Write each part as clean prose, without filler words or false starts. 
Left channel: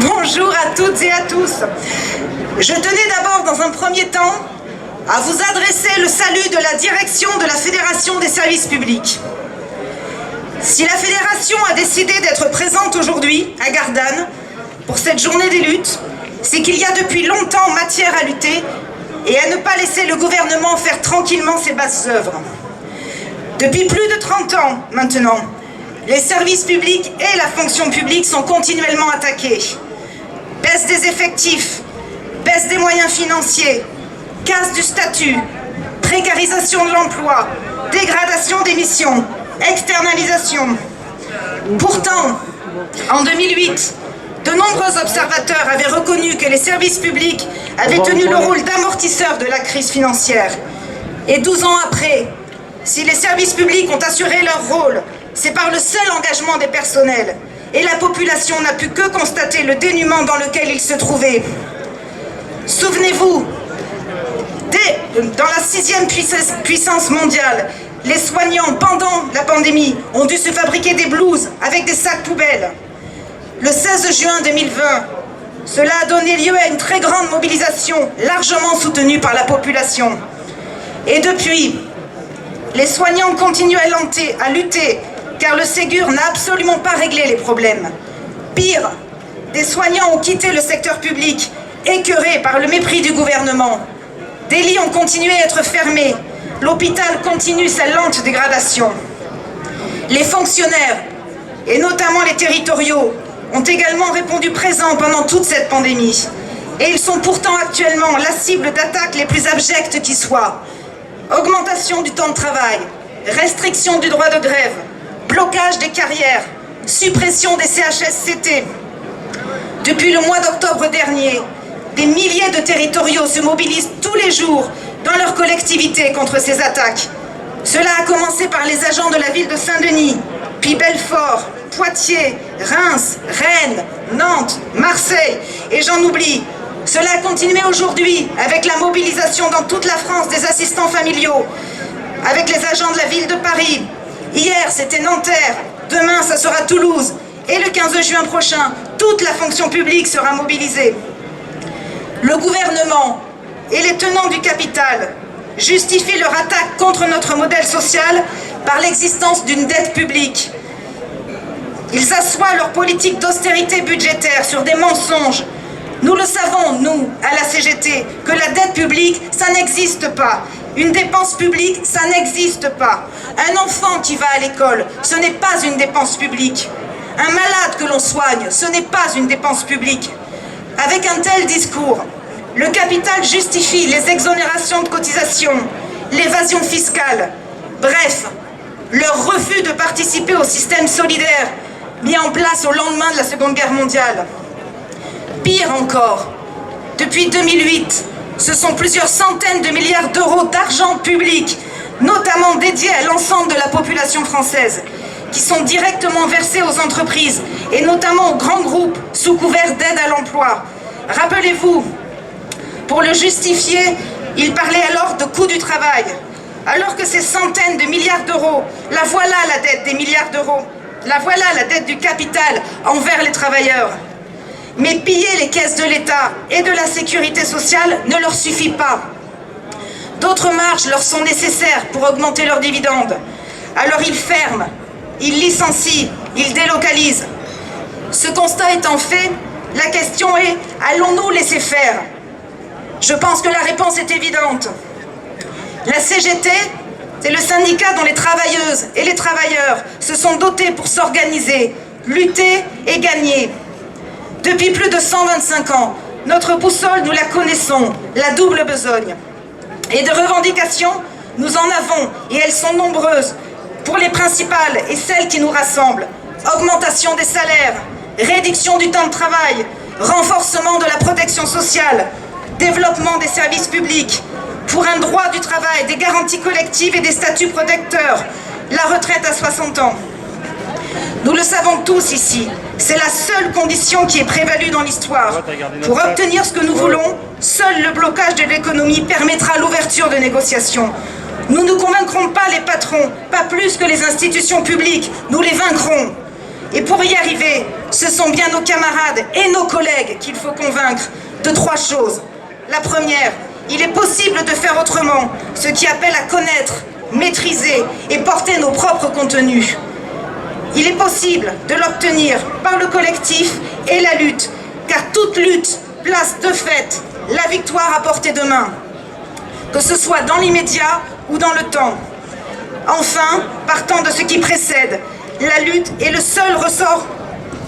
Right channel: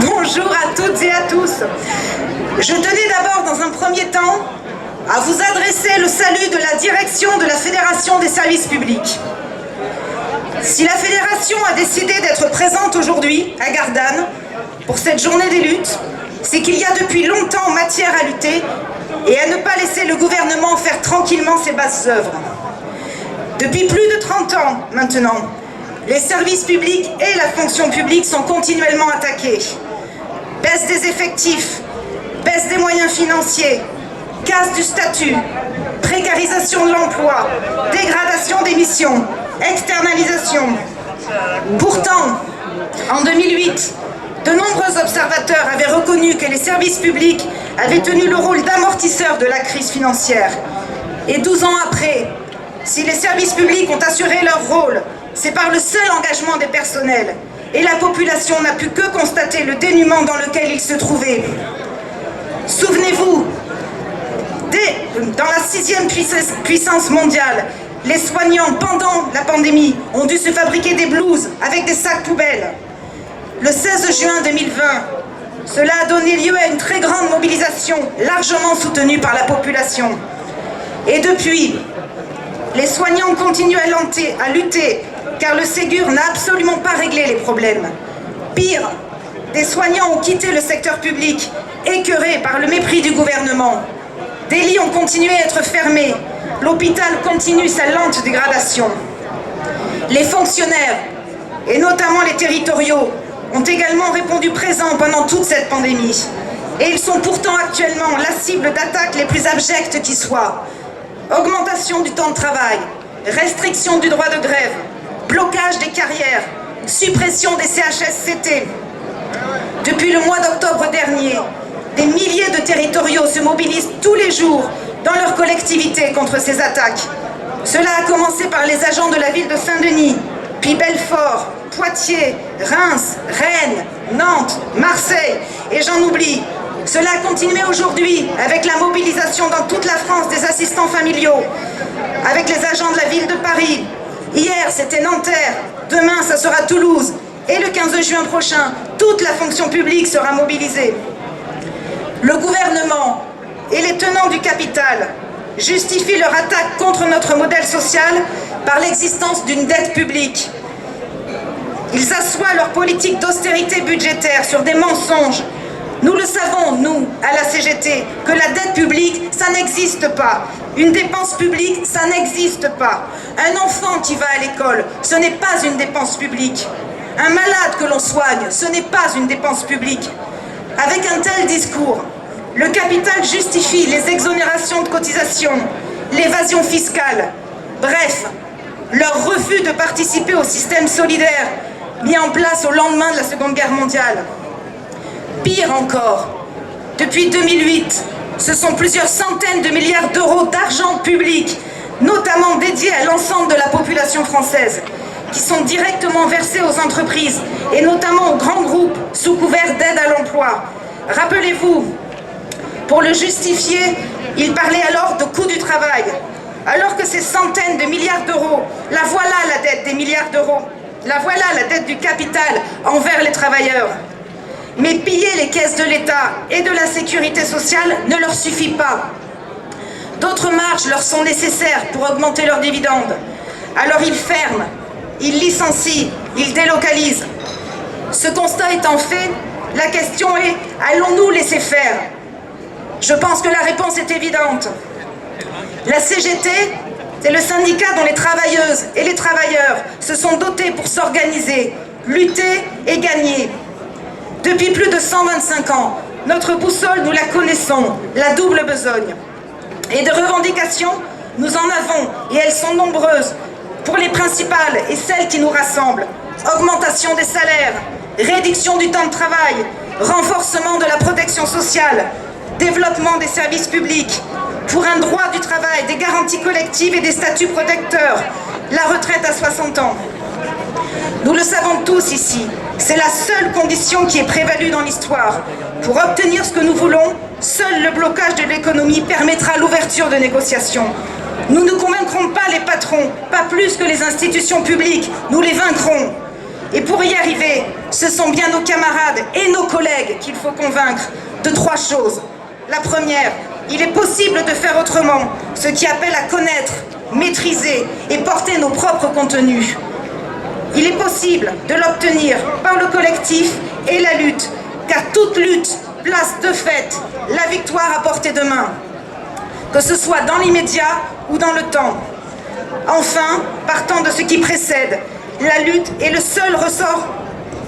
Bonjour à toutes et à tous. Je tenais d'abord, dans un premier temps, à vous adresser le salut de la direction de la Fédération des services publics. Si la Fédération a décidé d'être présente aujourd'hui à Gardanne pour cette journée des luttes, c'est qu'il y a depuis longtemps matière à lutter et à ne pas laisser le gouvernement faire tranquillement ses basses œuvres. Depuis plus de 30 ans maintenant, les services publics et la fonction publique sont continuellement attaqués. Baisse des effectifs, baisse des moyens financiers, casse du statut, précarisation de l'emploi, dégradation des missions, externalisation. Pourtant, en 2008, de nombreux observateurs avaient reconnu que les services publics avaient tenu le rôle d'amortisseur de la crise financière. Et 12 ans après, si les services publics ont assuré leur rôle, c'est par le seul engagement des personnels. Et la population n'a pu que constater le dénuement dans lequel ils se trouvaient. Souvenez-vous, dans la 6e puissance mondiale, les soignants, pendant la pandémie, ont dû se fabriquer des blouses avec des sacs poubelles. Le 16 juin 2020, cela a donné lieu à une très grande mobilisation, largement soutenue par la population. Et depuis, les soignants continuent à lutter, car le Ségur n'a absolument pas réglé les problèmes. Pire, des soignants ont quitté le secteur public, écœurés par le mépris du gouvernement. Des lits ont continué à être fermés. L'hôpital continue sa lente dégradation. Les fonctionnaires, et notamment les territoriaux, ont également répondu présents pendant toute cette pandémie. Et ils sont pourtant actuellement la cible d'attaques les plus abjectes qui soient. Augmentation du temps de travail, restriction du droit de grève, blocage des carrières, suppression des CHSCT. Depuis le mois d'octobre dernier, des milliers de territoriaux se mobilisent tous les jours dans leur collectivité contre ces attaques. Cela a commencé par les agents de la ville de Saint-Denis, puis Belfort, Poitiers, Reims, Rennes, Nantes, Marseille, et j'en oublie. Cela a continué aujourd'hui avec la mobilisation dans toute la France des assistants familiaux, avec les agents de la ville de Paris. Hier, c'était Nanterre, demain, ça sera Toulouse, et le 15 juin prochain, toute la fonction publique sera mobilisée. Le gouvernement et les tenants du capital justifient leur attaque contre notre modèle social par l'existence d'une dette publique. Ils assoient leur politique d'austérité budgétaire sur des mensonges. Nous le savons, nous, à la CGT, que la dette publique, ça n'existe pas. Une dépense publique, ça n'existe pas. Un enfant qui va à l'école, ce n'est pas une dépense publique. Un malade que l'on soigne, ce n'est pas une dépense publique. Avec un tel discours, le capital justifie les exonérations de cotisations, l'évasion fiscale, bref, leur refus de participer au système solidaire mis en place au lendemain de la Seconde Guerre mondiale. Pire encore, depuis 2008, ce sont plusieurs centaines de milliards d'euros d'argent public, notamment dédiés à l'ensemble de la population française, qui sont directement versés aux entreprises et notamment aux grands groupes sous couvert d'aide à l'emploi. Rappelez-vous, pour le justifier, il parlait alors de coût du travail, alors que ces centaines de milliards d'euros, la voilà la dette des milliards d'euros, la voilà la dette du capital envers les travailleurs. Mais piller les caisses de l'État et de la sécurité sociale ne leur suffit pas. D'autres marges leur sont nécessaires pour augmenter leurs dividendes. Alors ils ferment, ils licencient, ils délocalisent. Ce constat étant fait, la question est, allons-nous laisser faire ? Je pense que la réponse est évidente. La CGT, c'est le syndicat dont les travailleuses et les travailleurs se sont dotés pour s'organiser, lutter et gagner. Depuis plus de 125 ans, notre boussole, nous la connaissons, la double besogne. Et de revendications, nous en avons, et elles sont nombreuses. Pour les principales et celles qui nous rassemblent, augmentation des salaires, réduction du temps de travail, renforcement de la protection sociale, développement des services publics, pour un droit du travail, des garanties collectives et des statuts protecteurs, la retraite à 60 ans. Nous le savons tous ici, c'est la seule condition qui est prévalue dans l'histoire. Pour obtenir ce que nous voulons, seul le blocage de l'économie permettra l'ouverture de négociations. Nous ne convaincrons pas les patrons, pas plus que les institutions publiques, nous les vaincrons. Et pour y arriver, ce sont bien nos camarades et nos collègues qu'il faut convaincre de 3 choses. La première, il est possible de faire autrement, ce qui appelle à connaître, maîtriser et porter nos propres contenus. Il est possible de l'obtenir par le collectif et la lutte, car toute lutte place de fait la victoire à portée de main, que ce soit dans l'immédiat ou dans le temps. Enfin, partant de ce qui précède, la lutte est le seul ressort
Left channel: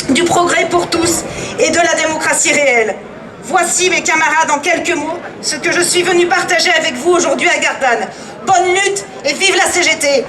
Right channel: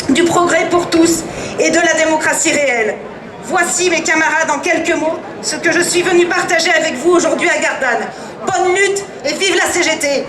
du progrès pour tous et de la démocratie réelle. Voici, mes camarades, en quelques mots, ce que je suis venu partager avec vous aujourd'hui à Gardanne. Bonne lutte et vive la CGT!